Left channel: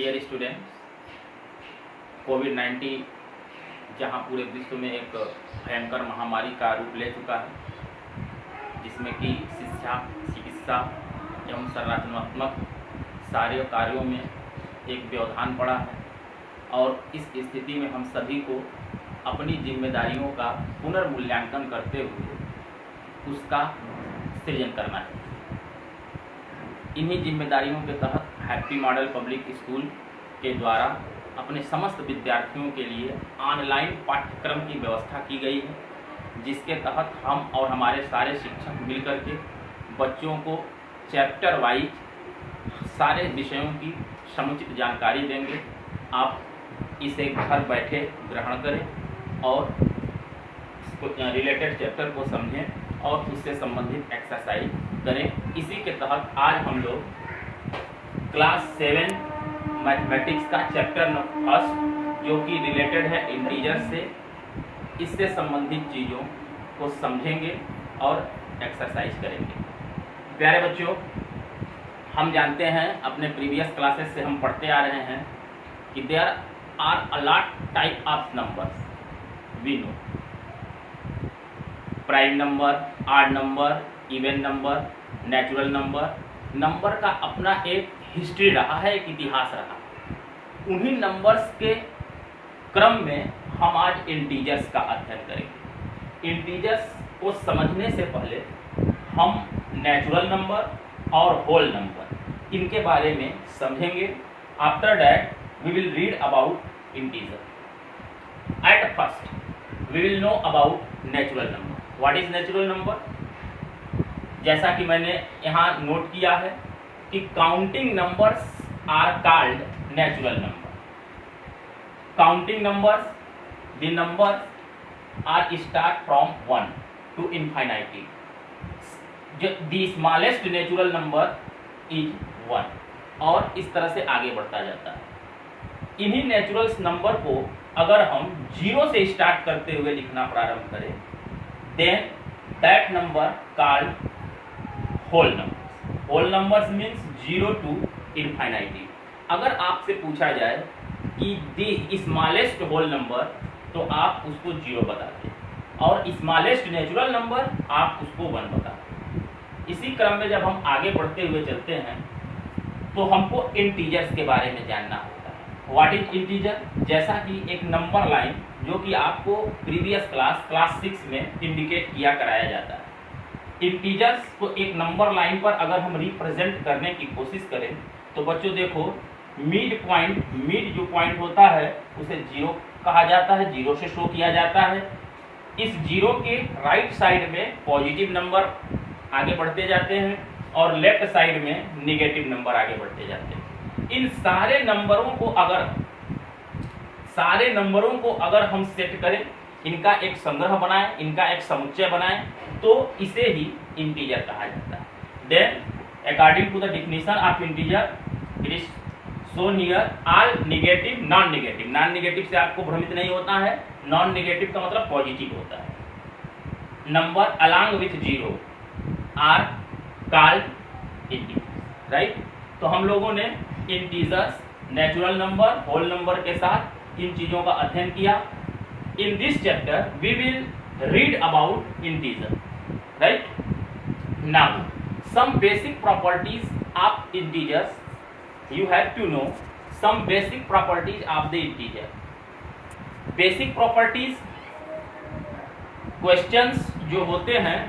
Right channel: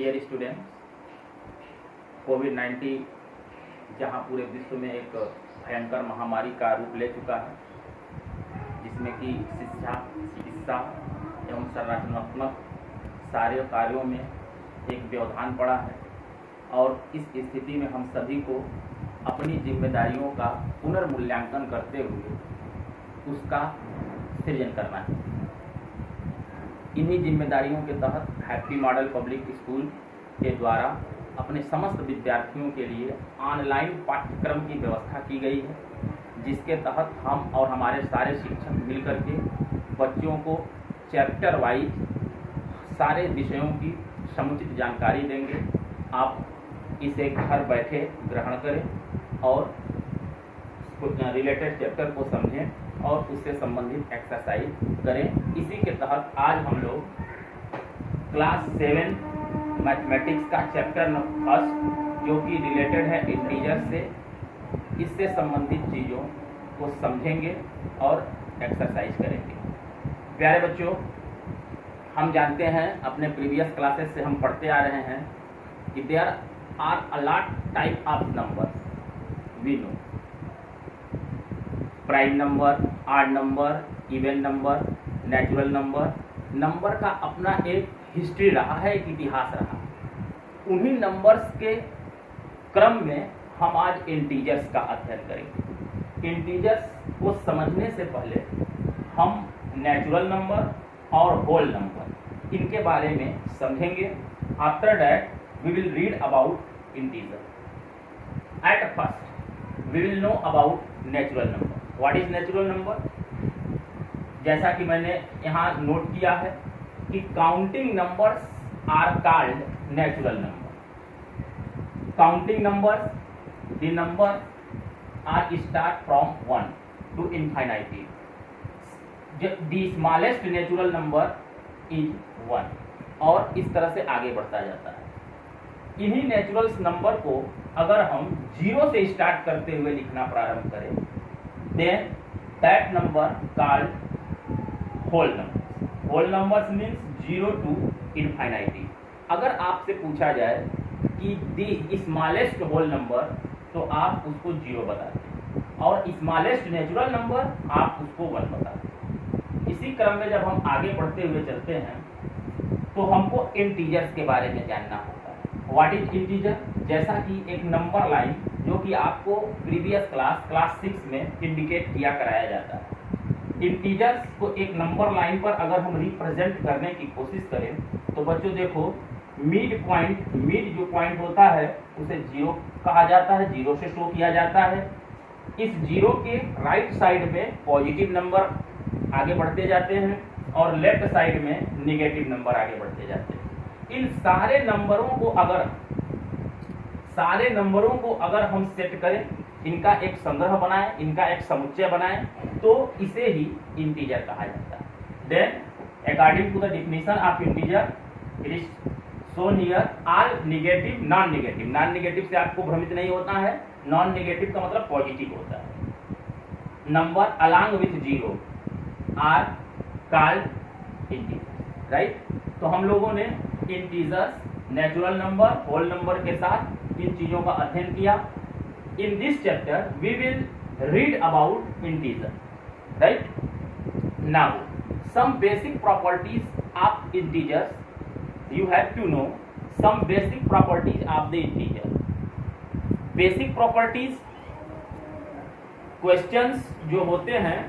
Dear students, कोविड-19 जहां पूरे विश्व में एक भयंकर महामारी का रूप ले चुका है, जिसमें कि शिक्षा, चिकित्सा एवं संरचनात्मक सारे कार्यों में एक व्यवधान पड़ा है और इस स्थिति में हम सभी को अपनी जिम्मेदारियों का पुनर्मूल्यांकन करते हुए उसका सृजन करना है। इन्हीं जिम्मेदारियों के तहत हैप्पी मॉडल पब्लिक स्कूल के द्वारा अपने समस्त विद्यार्थियों के लिए ऑनलाइन पाठ्यक्रम की व्यवस्था की गई है, जिसके तहत हम और हमारे सारे शिक्षक मिलकर के बच्चों को चैप्टर वाइज सारे विषयों की समुचित जानकारी देंगे। आप इसे घर बैठे ग्रहण करें और रिलेटेड चैप्टर को समझें और उससे संबंधित एक्सरसाइज करें। इसी के तहत आज हम लोग क्लास 7 मैथमेटिक्स का चैप्टर फर्स्ट, जो कि रिलेटेड है इंटीजर से, इससे संबंधित चीज़ों को समझेंगे और एक्सरसाइज करेंगे। प्यारे बच्चों, हम जानते हैं, अपने प्रीवियस क्लासेस से हम पढ़ते आ रहे हैं कि there are a lot type of numbers we know. Prime number, odd number, even number, natural number. Number का अपना एक हिस्ट्री रहा है, एक इतिहास रहा है। उन्हीं नंबर्स के क्रम में हम आज इंटीजर्स का अध्ययन करेंगे। इंटीजर्स को समझने से पहले हम नेचुरल नंबर और होल नंबर इनके बारे में समझेंगे। After that we will read about integer. At first we will know about natural number. What is natural number? जैसा कि मैंने यहाँ नोट किया है कि counting numbers are called natural number. Counting numbers, the number are start from 1 to infinity. The smallest natural number is 1 और इस तरह से आगे बढ़ता जाता है। इन्हीं नेचुरल नंबर को अगर हम 0 से स्टार्ट करते हुए लिखना प्रारंभ करें, then that number called whole numbers. Whole numbers means 0 to infinity. अगर आपसे पूछा जाए कि the smallest whole number, तो आप उसको 0 बताते हैं और स्मॉलेस्ट नेचुरल नंबर आप उसको 1 बताते हैं। इसी क्रम में जब हम आगे बढ़ते हुए चलते हैं तो हमको इंटीजर्स के बारे में जानना होता है। What is integer? जैसा कि एक नंबर लाइन जो कि आपको प्रीवियस क्लास 6 में इंडिकेट किया कराया जाता है। इंटीजर्स को एक नंबर लाइन पर अगर हम रिप्रेजेंट करने की कोशिश करें तो बच्चों देखो, मिड जो पॉइंट होता है उसे 0 कहा जाता है, 0 से शो किया जाता है। इस 0 के राइट साइड में पॉजिटिव नंबर आगे बढ़ते जाते हैं और लेफ्ट साइड में नेगेटिव नंबर आगे बढ़ते जाते हैं। इन सारे नंबरों को अगर हम सेट करें, इनका एक संग्रह बनाएं, इनका एक समुच्चय बनाएं, तो इसे ही इंटीजर कहा जाता है। Then according to the definition of integer, it is shown here all negative, non negative. Non negative से आपको भ्रमित नहीं होता है। नॉन नेगेटिव का मतलब पॉजिटिव होता है। Number along with 0 are called integers, right. तो हम लोगों ने integers, natural number, whole number के साथ इन चीजों का अध्ययन किया। In this chapter we will read about integer, right. Now some basic properties of integers, you have to know some basic properties of the integer. Basic properties questions जो होते हैं,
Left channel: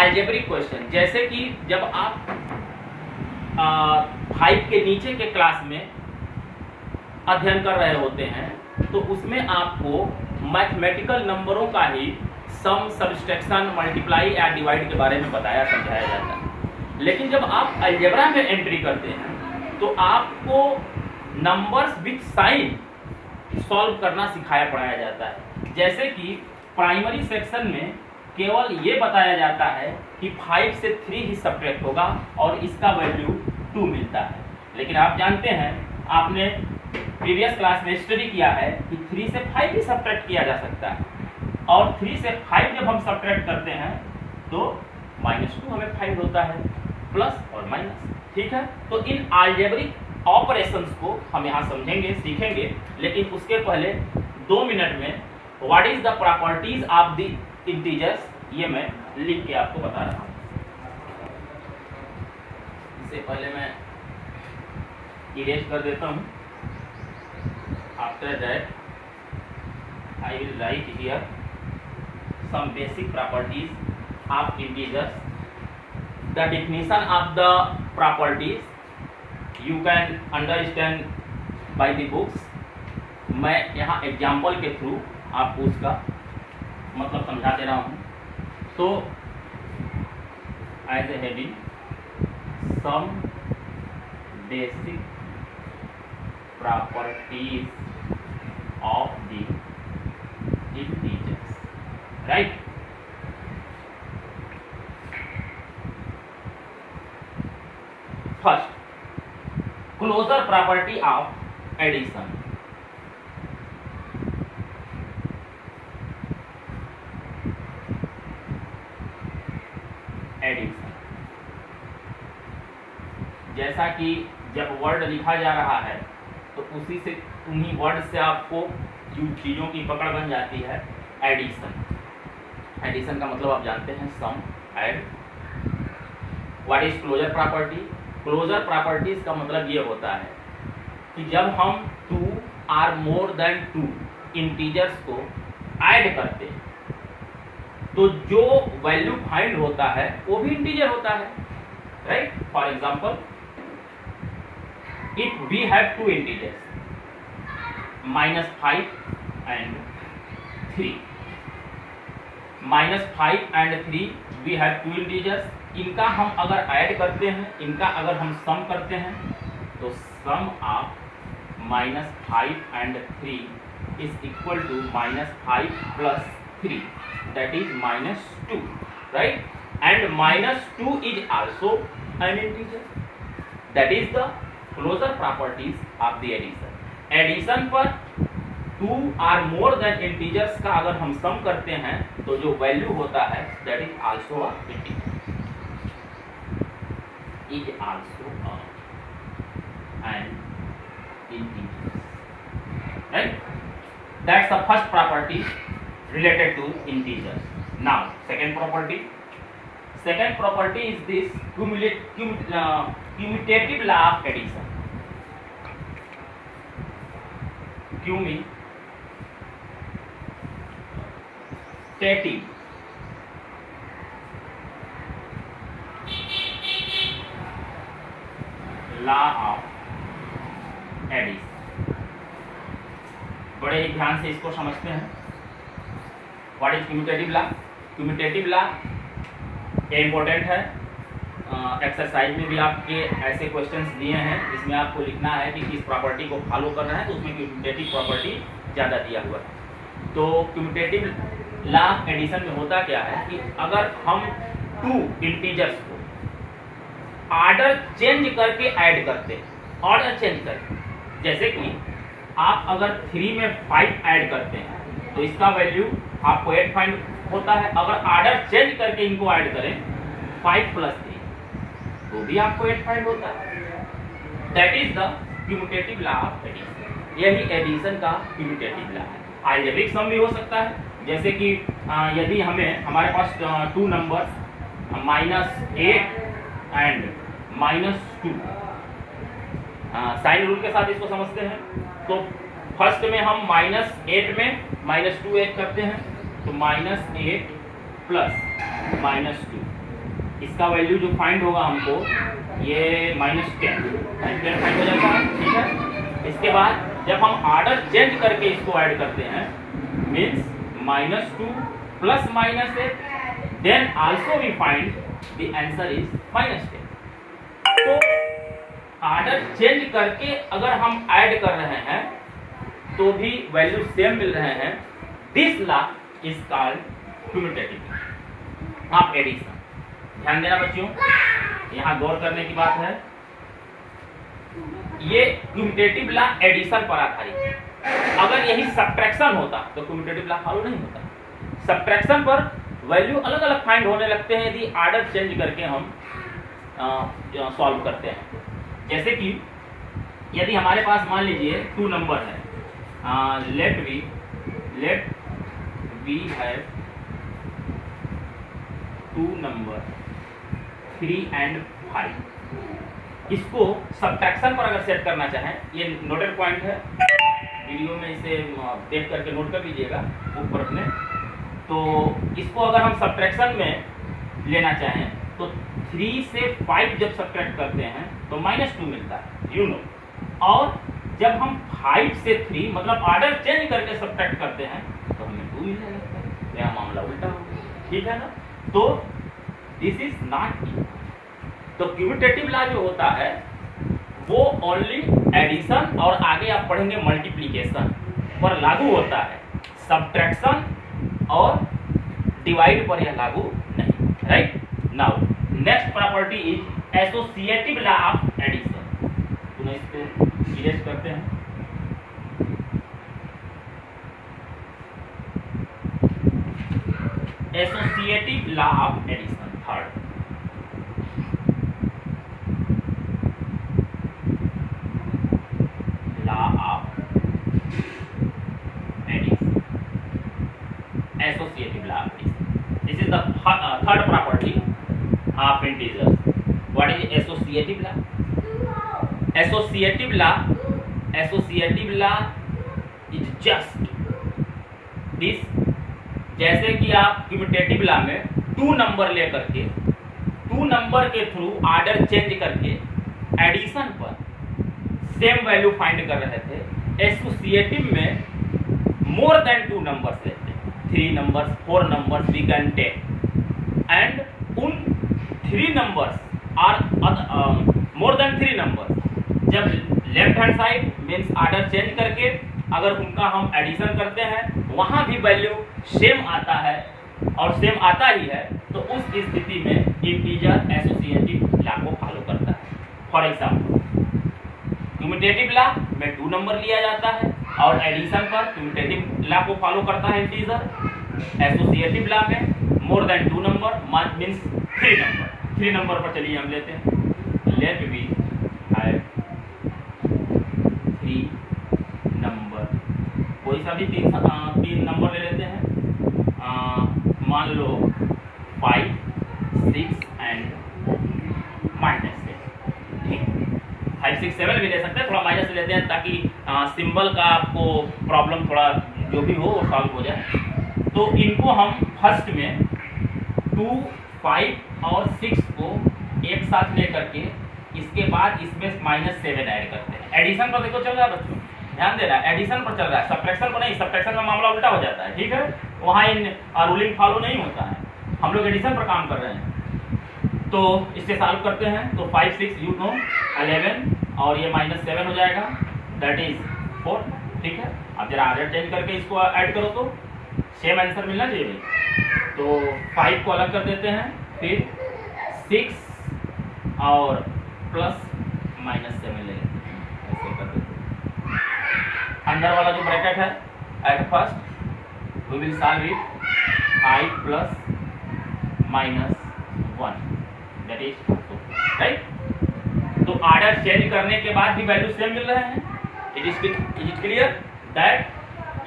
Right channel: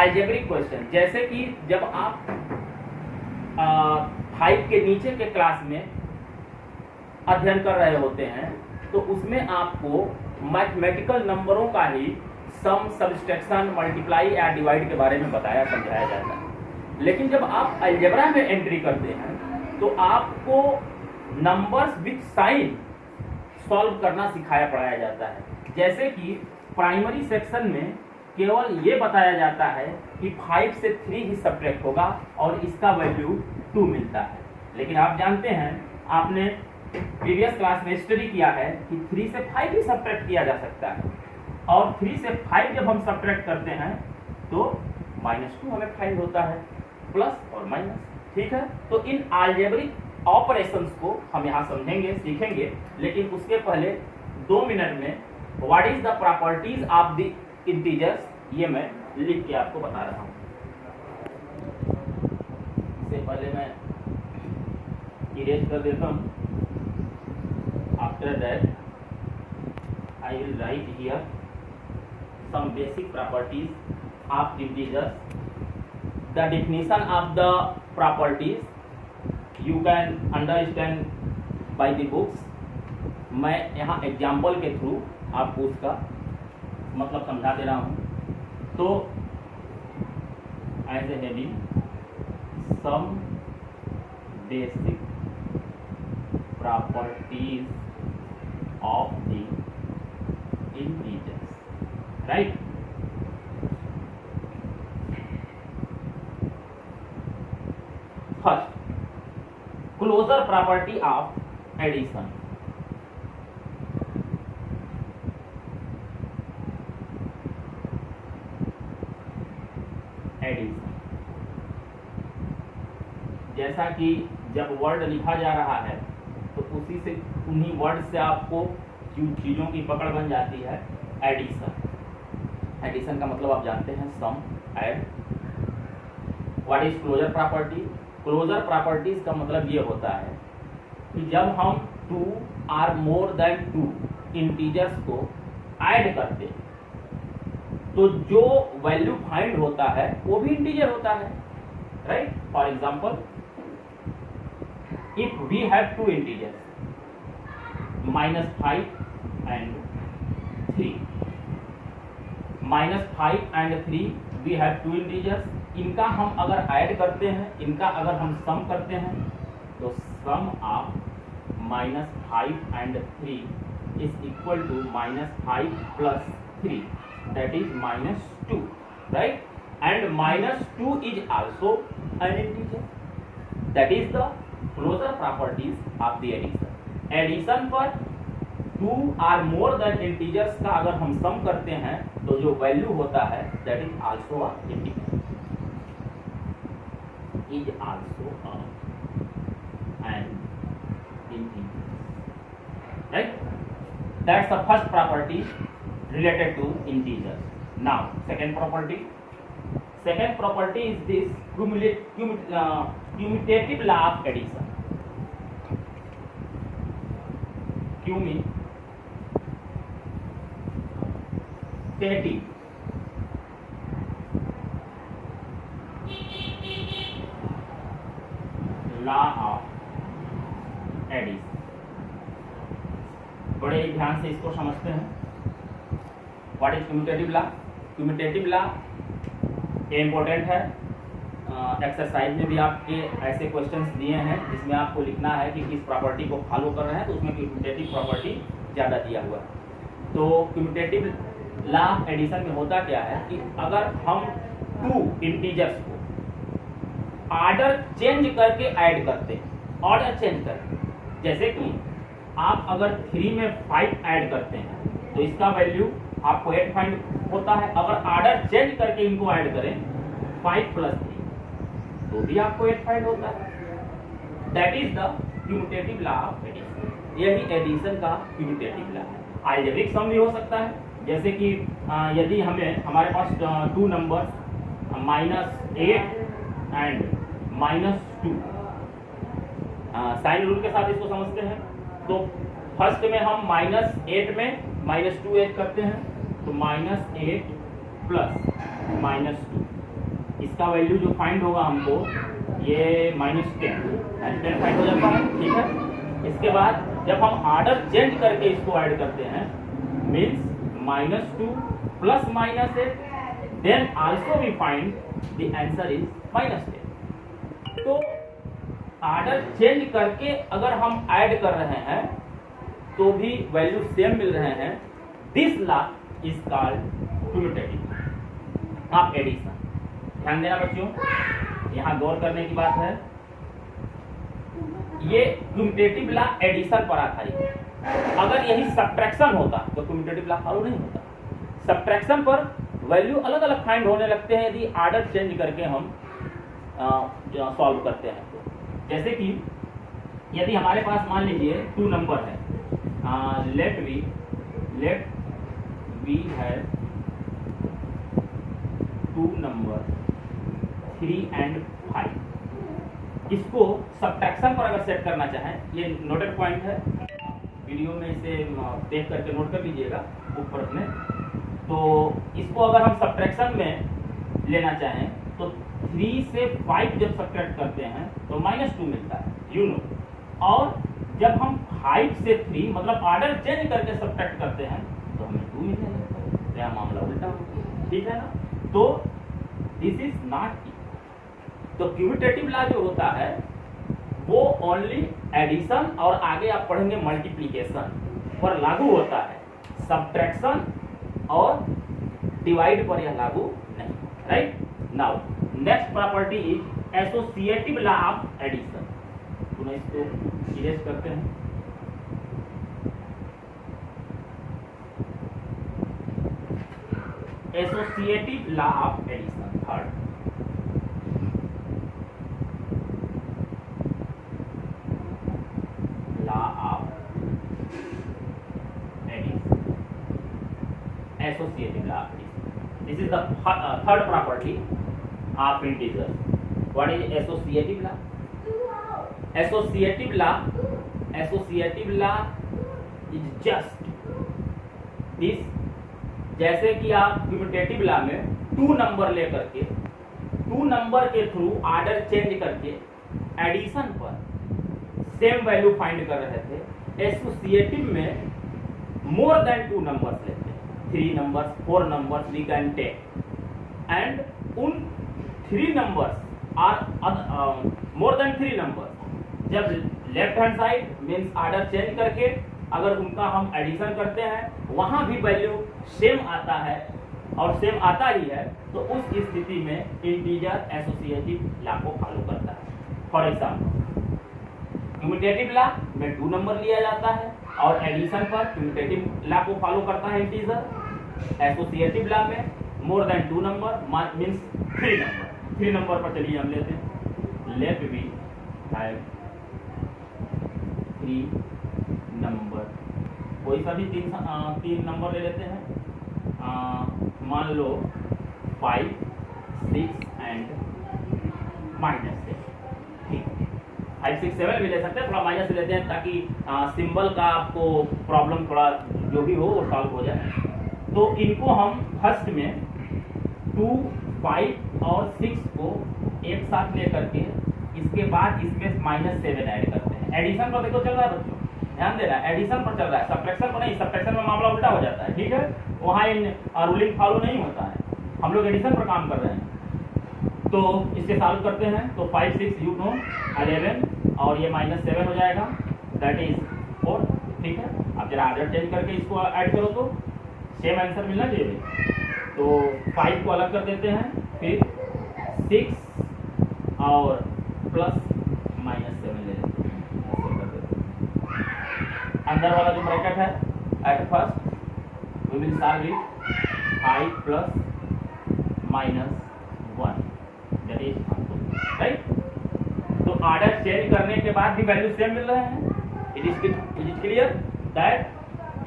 algebraic question, जैसे कि जब आप 5 के नीचे के क्लास में अध्ययन कर रहे होते हैं तो उसमें आपको मैथमेटिकल नंबरों का ही सम, सब्सट्रैक्शन, मल्टीप्लाई या डिवाइड के बारे में बताया समझाया जाता है। लेकिन जब आप अलजेब्रा में एंट्री करते हैं तो आपको नंबर्स विथ साइन सॉल्व करना सिखाया पढ़ाया जाता है। जैसे कि प्राइमरी सेक्शन में केवल ये बताया जाता है कि 5 से 3 ही सब्ट्रैक्ट होगा और इसका वैल्यू 2 मिलता है। लेकिन आप जानते हैं, आपने प्रीवियस क्लास में स्टडी किया है कि 3 से 5 ही सब्ट्रैक्ट किया जा सकता है और 3 से 5 जब हम सब्ट्रैक्ट करते हैं तो -2 हमें फाइंड होता है, प्लस और माइनस, ठीक है। तो इन अलजेब्रिक ऑपरेशंस को हम यहाँ समझेंगे, सीखेंगे, लेकिन उसके पहले 2 मिनट में what is the properties of the integers ये मैं लिख के आपको बता रहा हूँ। इससे पहले मैं इरेज कर देता हूँ। After that I will write here some basic properties of integers. The definition of the properties you can understand by the books. मैं यहाँ एग्जाम्पल के थ्रू आपको उसका मतलब समझा दे रहा हूँ। तो as a heading some basic properties of the integers. Right? First, closure property of addition. Addition. जैसा कि जब वर्ड लिखा जा रहा है तो उसी से उन्हीं वर्ड से आपको जो चीज़ों की पकड़ बन जाती है एडिशन। एडिशन का मतलब आप जानते हैं sum, add. What is closure property? Closure properties का मतलब ये होता है कि जब हम 2 आर मोर देन 2 इंटीजर्स को ऐड करते हैं तो जो वैल्यू फाइंड होता है वो भी इंटीजर होता है, right? For example, if we have 2 integers -5 and 3, -5 and 3 we have 2 integers. इनका हम अगर ऐड करते हैं, इनका अगर हम सम करते हैं तो sum of -5 and 3 is equal to -5 + 3 that is -2, right? And -2 is also an integer. That is the closure properties of the addition. Addition पर 2 आर मोर देन इंटीजर्स का अगर हम सम करते हैं तो जो वैल्यू होता है that is also a integer, is also an integer, right? That's the first property related to integers. Now second property is this commutative law of addition. Commutative law of addition। बड़े ध्यान से इसको समझते हैं। What is commutative law? Commutative law important है। Exercise में भी आपके ऐसे क्वेश्चंस दिए हैं जिसमें आपको लिखना है कि किस प्रॉपर्टी को फॉलो कर रहे हैं, तो उसमें क्यूमुटेटिव प्रॉपर्टी ज़्यादा दिया हुआ है। तो क्यूमुटेटिव लॉ एडिशन में होता क्या है कि अगर हम 2 इंटीजर्स को ऑर्डर चेंज करके ऐड करते हैं, ऑर्डर चेंज करके, जैसे कि आप अगर 3 में 5 ऐड करते हैं तो इसका वैल्यू आपको 8 फाइंड होता है। अगर ऑर्डर चेंज करके इनको ऐड करें 5 + 3 तो भी आपको 8 फाइंड होता है। That is the commutative law of addition. यही एडिशन का क्यूमुटेटिव लॉ है। अलजेब्रिक सम भी हो सकता है, जैसे कि यदि हमारे पास 2 नंबर्स -8 एंड -2, साइन रूल के साथ इसको समझते हैं। तो फर्स्ट में हम -8 में -2 ऐड करते हैं तो -8 + -2, इसका वैल्यू जो फाइंड होगा हमको ये -10 फाइंड हो जाता है, ठीक है। इसके बाद जब हम ऑर्डर चेंज करके इसको ऐड करते हैं means -2 + -8, then also we find the answer is -10। तो ऑर्डर चेंज करके अगर हम ऐड कर रहे हैं तो भी वैल्यू सेम मिल रहे हैं। This law is called commutative of addition. ध्यान देना बच्चों, यहाँ गौर करने की बात है। ये क्यूमुटेटिव लॉ एडिशन पर आधारित है। अगर यही सब्ट्रैक्शन होता तो क्यूमुटेटिव लॉ फॉलो नहीं होता। सब्ट्रैक्शन पर वैल्यू अलग अलग फाइंड होने लगते हैं यदि ऑर्डर चेंज करके हम सॉल्व करते हैं। जैसे कि यदि हमारे पास मान लीजिए 2 नंबर है, let we have 2 number 3 and 5। इसको सब्ट्रैक्शन पर अगर सेट करना चाहें, ये नोटेड पॉइंट है, वीडियो में इसे देख करके नोट कर लीजिएगा ऊपर अपने। तो इसको अगर हम सब्ट्रैक्शन में लेना चाहें तो 3 से 5 जब सब्ट्रैक्ट करते हैं तो -2 मिलता है, यू नो। और जब हम 5 से 3 मतलब ऑर्डर चेंज करके सब्ट्रैक्ट करते हैं तो हमें 2 मिलने लगता है। तो यहाँ मामला उल्टा हो गया, ठीक है ना। तो दिस इज नॉट। तो क्यूमुटेटिव लॉ जो होता है वो ओनली एडिशन और आगे आप पढ़ेंगे मल्टीप्लिकेशन पर लागू होता है, सब्ट्रैक्शन और डिवाइड पर यह लागू नहीं, right. Now next property is associative law of addition. पुनः इसको इरेज करते हैं। Associative law of addition, third. Associative law. This is the third property of integers. What is associative law? Associative law is just this। जैसे कि आप क्यूमुटेटिव law में 2 number लेकर के 2 नंबर के थ्रू ऑर्डर चेंज करके एडिशन पर सेम वैल्यू फाइंड कर रहे थे, एसोसिएटिव में मोर देन 2 नंबर्स लेते हैं, 3 numbers 4 numbers we can take, and उन 3 numbers are more than 3 numbers जब left hand side means order change करके अगर उनका हम एडिशन करते हैं वहां भी वैल्यू सेम आता है और सेम आता ही है, तो उस स्थिति में इंटीजर एसोसिएटिव लॉ को फॉलो करता है। फॉर एग्जाम्पल क्यूमुटेटिव लॉ में 2 नंबर लिया जाता है और एडिशन पर क्यूमुटेटिव लॉ को फॉलो करता है इंटीजर। एसोसिएटिव लॉ में मोर than 2 number means 3 number. 3 number पर चलिए हम लेते हैं, लेट वी हैव 3 नंबर, कोई सा भी 3 नंबर ले लेते हैं, मान लो 5 6 एंड -6, ठीक। 5 6 7 भी ले सकते हैं, थोड़ा माइनस लेते हैं ताकि सिंबल का आपको प्रॉब्लम थोड़ा जो भी हो वो सॉल्व हो जाए। तो इनको हम फर्स्ट में 2 5 और 6 को एक साथ ले करके इसके बाद इसमें -7 ऐड करते हैं। एडिशन पर देखो चल रहा है बच्चों, ध्यान देना, एडिशन पर चल रहा है, सब्ट्रैक्शन पर नहीं। सब्ट्रैक्शन में मामला उल्टा हो जाता है, ठीक है, वहाँ इन रूलिंग फॉलो नहीं होता है, हम लोग एडिशन पर काम कर रहे हैं। तो इससे सॉल्व करते हैं तो 5 6 यू नो 11 और ये -7 हो जाएगा, दैट इज 4, ठीक है। अब जरा ऑर्डर चेंज करके इसको ऐड करो तो सेम आंसर मिलना चाहिए। तो 5 को अलग कर देते हैं, फिर 6 और प्लस -7 ले लेते हैं, ऐसे कर देते हैं। अंदर वाला जो ब्रैकेट है at first we will solve it 5 plus -1 that is 2, right. तो ऑर्डर चेंज करने के बाद भी वैल्यू सेम मिल रहे हैं। It is clear that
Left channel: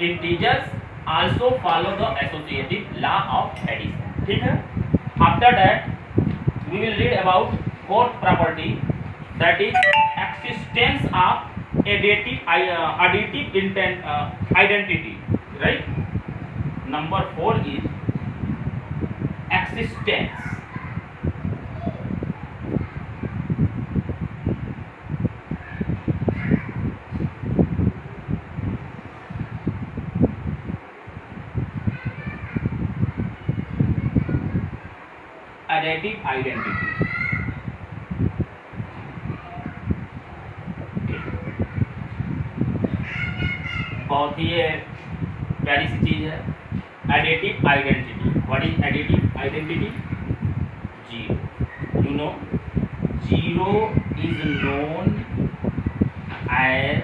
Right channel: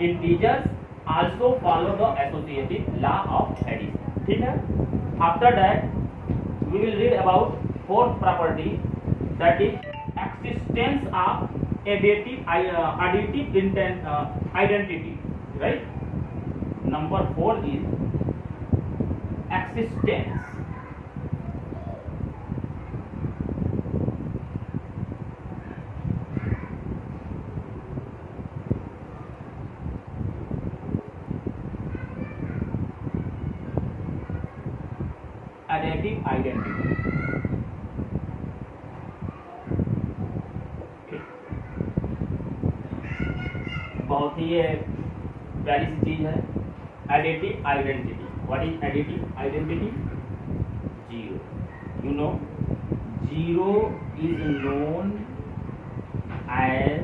integers also follow the associative law of addition, ठीक है। After that we will read about fourth property that is existence of additive identity, right. Number 4 is existence additive identity. बहुत ही ये प्यारी सी चीज है additive identity. What is additive identity? 0, you know 0 is known as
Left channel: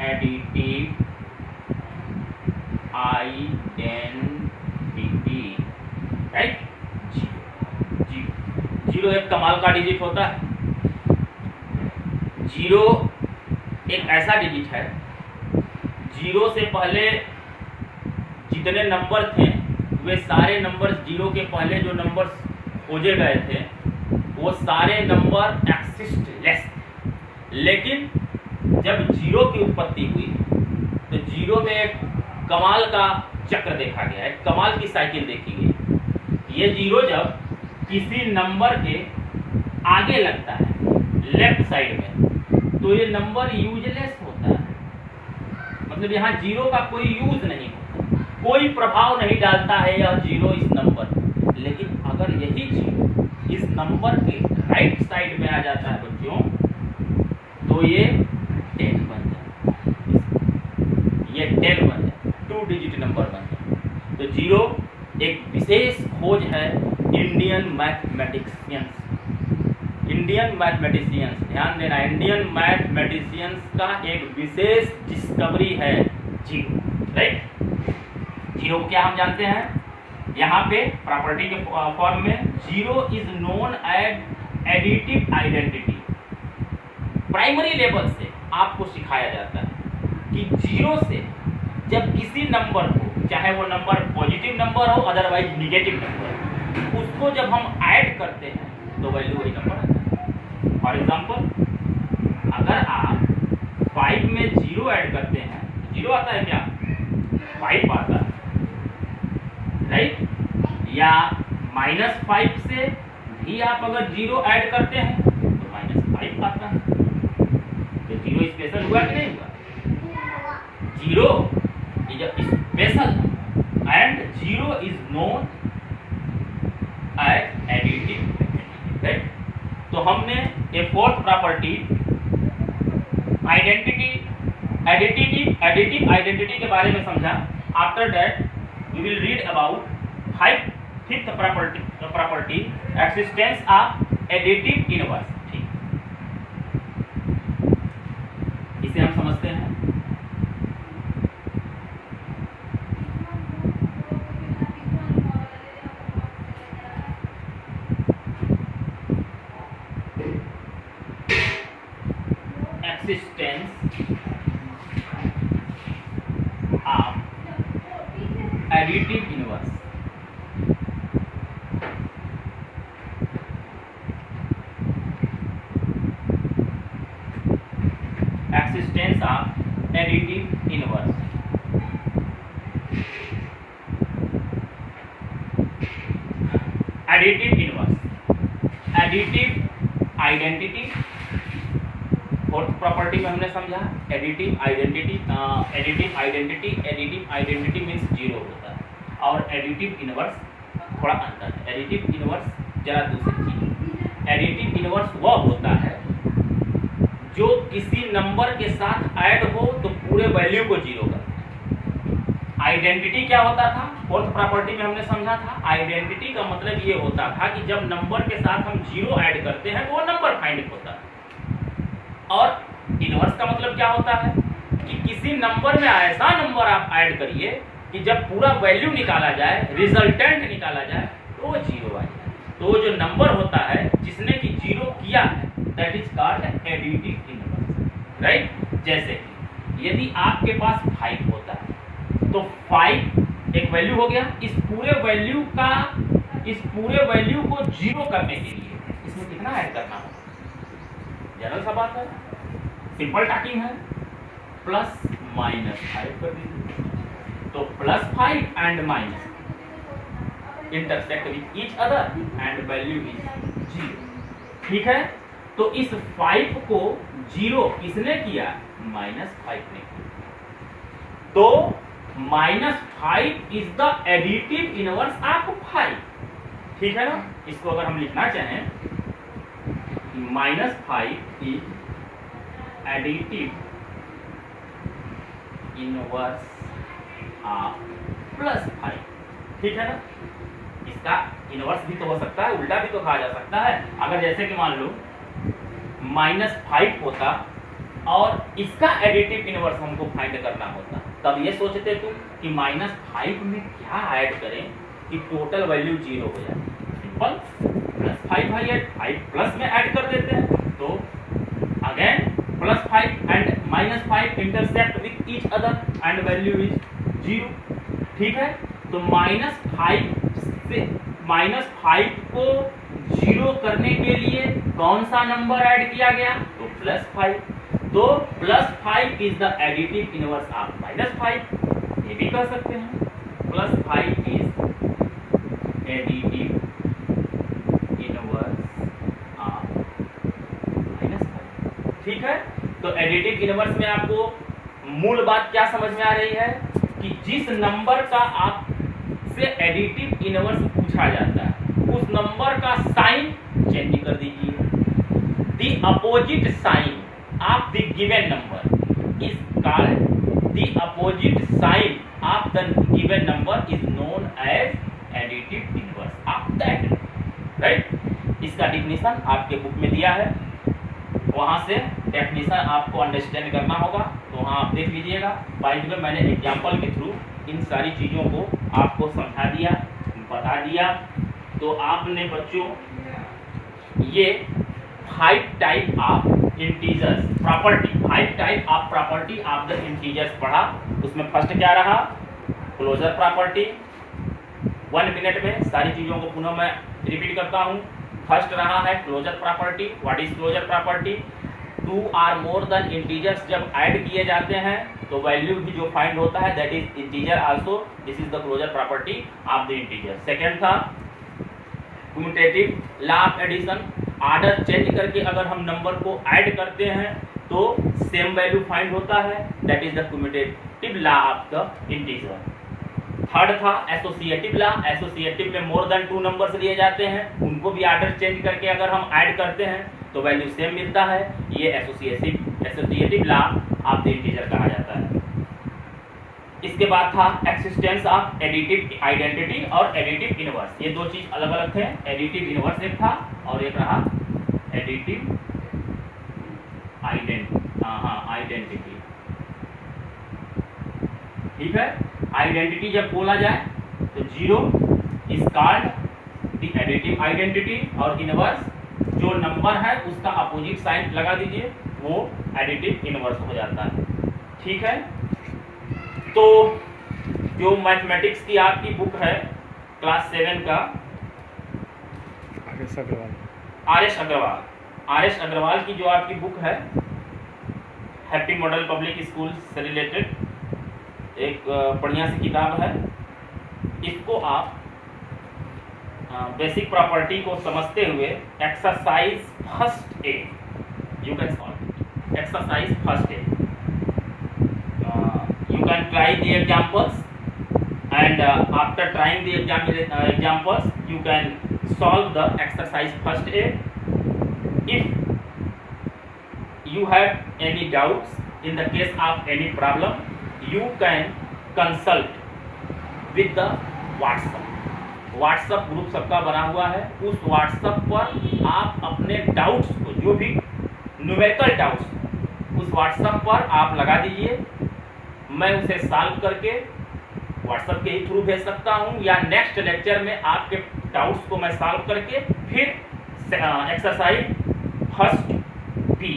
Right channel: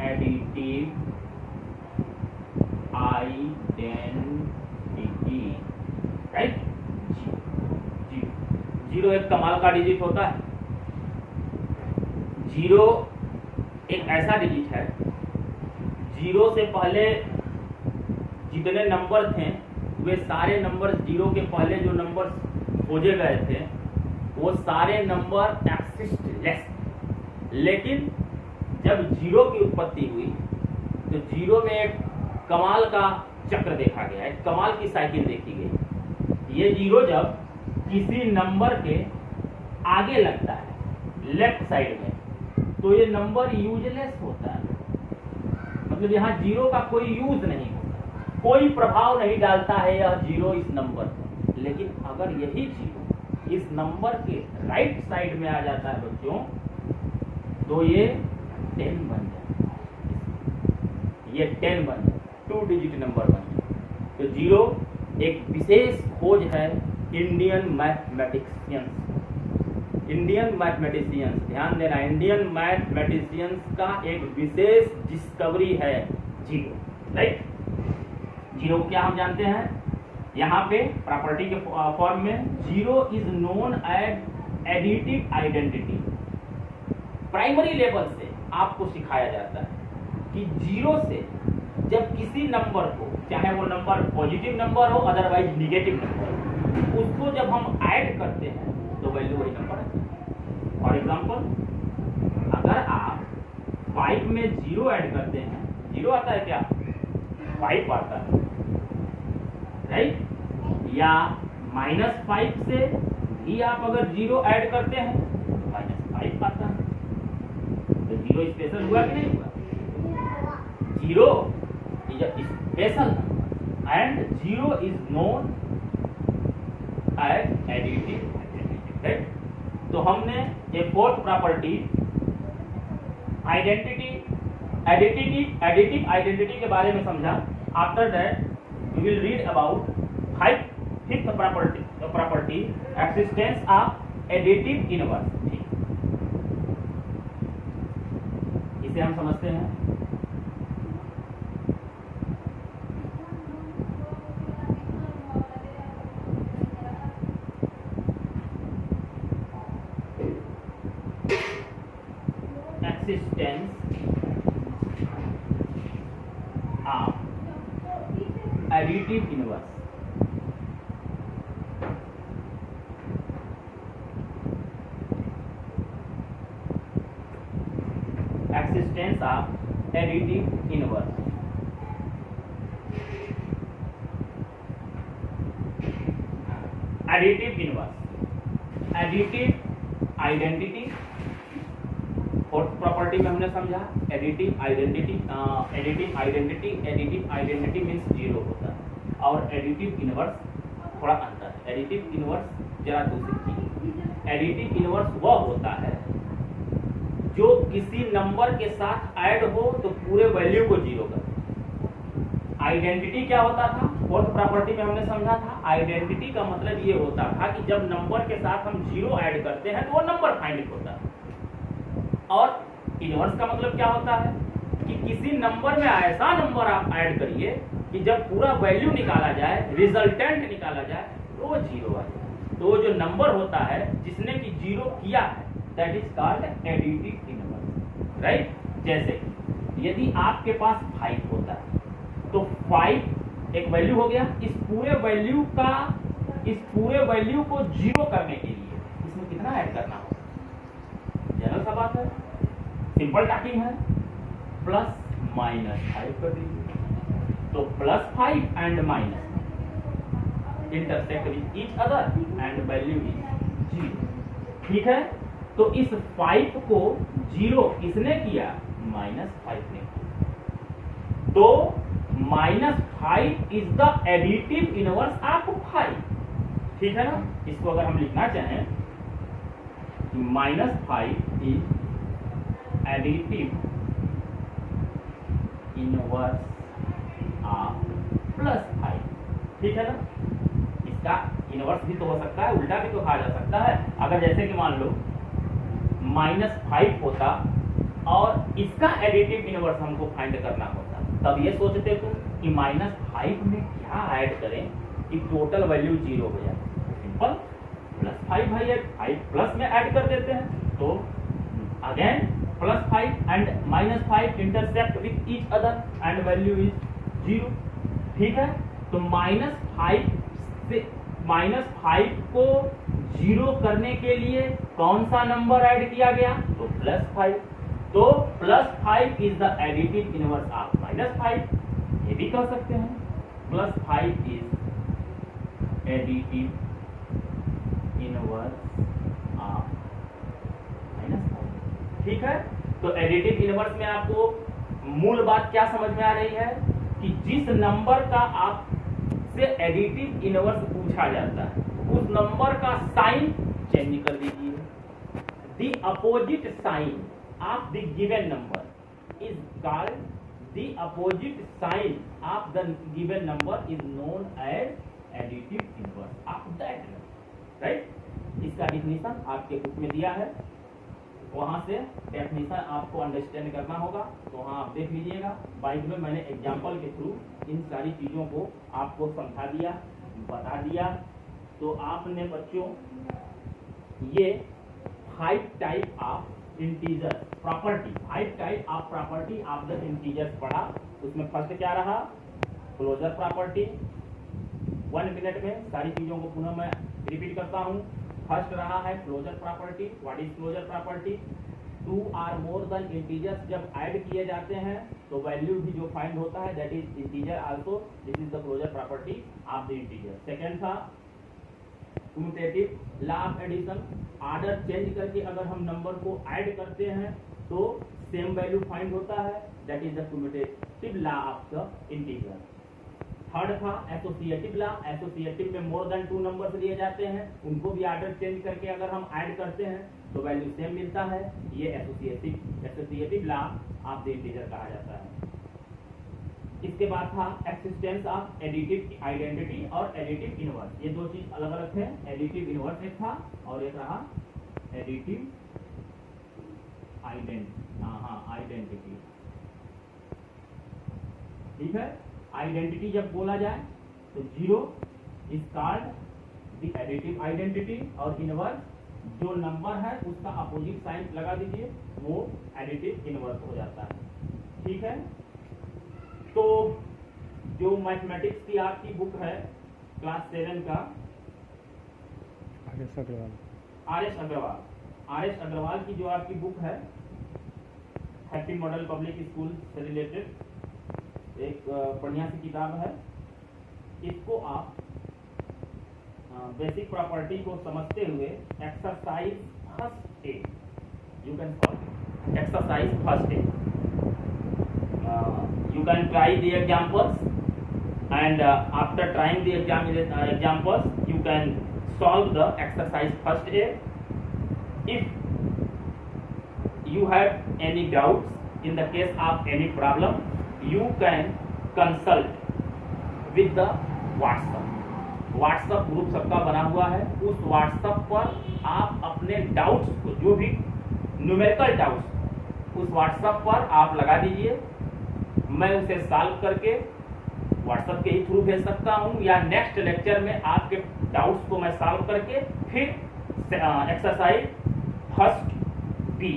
additive identity, right. 0 एक कमाल का डिजिट होता है, जीरो एक ऐसा डिजिट है, जीरो से पहले जितने नंबर थे वे सारे नंबर, जीरो के पहले जो नंबर खोजे गए थे वो सारे नंबर एक्सिस्टलेस। लेकिन जब जीरो की उत्पत्ति हुई तो जीरो में एक कमाल का चक्र देखा गया, एक कमाल की साइकिल देखी गई। ये जीरो जब किसी नंबर के आगे लगता है लेफ्ट साइड में तो ये नंबर यूजलेस होता है, मतलब यहाँ जीरो का कोई यूज नहीं होता, कोई प्रभाव नहीं डालता है यह जीरो इस नंबर। लेकिन अगर यही जीरो इस नंबर के राइट साइड में आ जाता है बच्चों तो ये 10 बन जाता है, ये 10 बन जाता है, 2 डिजिट नंबर बन जाता है। तो जीरो एक विशेष खोज है इंडियन मैथमेटिशियंस, ध्यान देना, इंडियन मैथमेटिशियंस का एक विशेष डिस्कवरी है जीरो, राइट। जीरो क्या हम जानते हैं, यहाँ पे प्रॉपर्टी के फॉर्म में zero is known as additive identity. Primary level से आपको सिखाया जाता है कि जीरो से जब किसी नंबर को, चाहे वो नंबर पॉजिटिव नंबर हो अदरवाइज निगेटिव नंबर हो, उसको जब हम ऐड करते हैं तो वैल्यू वही नंबर आता है। फॉर एग्जाम्पल अगर आप 5 में जीरो ऐड करते हैं, जीरो आता है क्या, 5 आता है, राइट। या -5 से भी आप अगर जीरो ऐड करते हैं तो -5 आता है। तो जीरो स्पेशल हुआ कि नहीं हुआ, zero is a special number and zero is known as additive, right. तो हमने एक फोर्थ प्रॉपर्टी एडिटिव आइडेंटिटी के बारे में समझा। After that we will read about fifth property existence of additive inverse. ठीक, इसे हम समझते हैं। Existence of additive inverse। Existence of additive inverse। Additive inverse, additive identity। Fourth property में हमने समझा एडिटिव आइडेंटिटी मीन्स जीरो होता है और एडिटिव इनवर्स थोड़ा अंतर है। एडिटिव इनवर्स जरा दूसरी चीज, एडिटिव इनवर्स वह होता है जो किसी नंबर के साथ ऐड हो तो पूरे वैल्यू को जीरो कर। आइडेंटिटी क्या होता था, फोर्थ प्रॉपर्टी में हमने समझा था, आइडेंटिटी का मतलब ये होता था कि जब नंबर के साथ हम जीरो ऐड करते हैं तो वो नंबर फाइंड होता है। और इनवर्स का मतलब क्या होता है कि किसी नंबर में ऐसा नंबर आप ऐड करिए कि जब पूरा वैल्यू निकाला जाए, रिजल्टेंट निकाला जाए तो वो जीरो आ जाए। तो जो नंबर होता है जिसने कि जीरो किया है that is called additive inverse, right. जैसे कि यदि आपके पास 5 होता है तो 5 एक वैल्यू हो गया, इस पूरे वैल्यू को जीरो करने के लिए इसमें कितना ऐड करना होगा, जनरल सा बात है, सिंपल टॉकिंग है, प्लस माइनस 5 कर दीजिए। तो +5 and minus intersect with each other and value is 0। ठीक है, तो इस 5 को जीरो किसने किया, -5 ने किया। तो -5 is the additive inverse of 5। ठीक है ना, इसको अगर हम लिखना चाहें -5 इज एडिटिव इनवर्स ऑफ +5। ठीक है ना, इसका इनवर्स भी तो हो सकता है, उल्टा भी तो कहा जा सकता है। अगर जैसे कि मान लो -5 होता और इसका एडिटिव इनवर्स हमको फाइंड करना होता, तब ये सोचते तुम कि -5 में क्या ऐड करें कि टोटल वैल्यू 0 हो जाए। सिंपल, +5 है, 5 प्लस में ऐड कर देते हैं तो again +5 and -5 intersect with each other and value is 0। ठीक है, तो -5 को 0 करने के लिए कौन सा नंबर ऐड किया गया, तो +5। तो +5 is the additive inverse of -5, ये भी कह सकते हैं +5 इज एडिटिव इनवर्स ऑफ -5। ठीक है, तो एडिटिव इनवर्स में आपको मूल बात क्या समझ में आ रही है कि जिस नंबर का आपसे एडिटिव इनवर्स पूछा जाता है उस नंबर का साइन चेंज कर दीजिए। The opposite sign of the given number is called, the opposite sign of the given number is known as additive inverse of that, right. इसका डिफिनीशन आपके बुक में दिया है, वहां से डेफिनेशन आपको अंडरस्टैंड करना होगा, तो वहाँ आप देख लीजिएगा। बाय द वे मैंने एग्जाम्पल के थ्रू इन सारी चीज़ों को आपको समझा दिया, बता दिया। तो आपने बच्चों ये 5 type of integers property, 5 type of property of the integers पढ़ा। उसमें फर्स्ट क्या रहा, क्लोजर प्रॉपर्टी। 1 मिनट में सारी चीज़ों को पुनः मैं रिपीट करता हूँ। फर्स्ट रहा है closure property. What is closure property, 2 और मोर देन इंटीजर्स जब ऐड किए जाते हैं तो वैल्यू भी जो फाइंड होता है that is integer also, this is the closure property of the integer. Second था commutative law of addition, order change करके अगर हम नंबर को ऐड करते हैं तो सेम वैल्यू फाइंड होता है, that is the commutative law of the integer. Third था एसोसिएटिव लॉ, एसोसिएटिव में मोर देन 2 नंबर्स लिए जाते हैं, उनको भी ऑर्डर चेंज करके अगर हम ऐड करते हैं तो वैल्यू सेम मिलता है, ये associative law of the integer कहा जाता है। इसके बाद था एक्सिस्टेंस ऑफ एडिटिव आइडेंटिटी और एडिटिव इनवर्स, ये 2 चीज अलग अलग थे। एडिटिव इनवर्स एक था और एक रहा एडिटिव आइडेंटिटी। ठीक है, आइडेंटिटी जब बोला जाए तो 0 is called the additive identity और इनवर्स जो नंबर है उसका अपोजिट साइन लगा दीजिए, वो एडिटिव इनवर्स हो जाता है। ठीक है, तो जो मैथमेटिक्स की आपकी बुक है क्लास 7 का आर.एस. अग्रवाल की जो आपकी बुक है हैप्पी मॉडल पब्लिक स्कूल से रिलेटेड एक बढ़िया सी किताब है। इसको आप बेसिक प्रॉपर्टी को समझते हुए exercise first A, you can solve exercise first A, you can try the examples and after trying the examples you can solve the exercise first A. If you have any doubts in the case of any problem you can consult with the WhatsApp group सबका बना हुआ है, उस WhatsApp पर आप अपने doubts को, जो भी न्यूमेरिकल डाउट्स उस WhatsApp पर आप लगा दीजिए, मैं उसे सॉल्व करके व्हाट्सएप के ही थ्रू भेज सकता हूं या नेक्स्ट लेक्चर में आपके डाउट्स को मैं सॉल्व करके फिर एक्सरसाइज फर्स्ट बी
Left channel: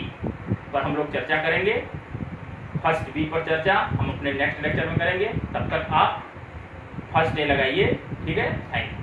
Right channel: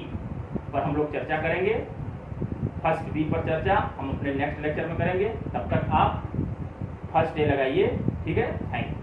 पर हम लोग चर्चा करेंगे। फर्स्ट बी पर चर्चा हम अपने नेक्स्ट लेक्चर में करेंगे, तब तक आप फर्स्ट डे लगाइए। ठीक है, थैंक यू।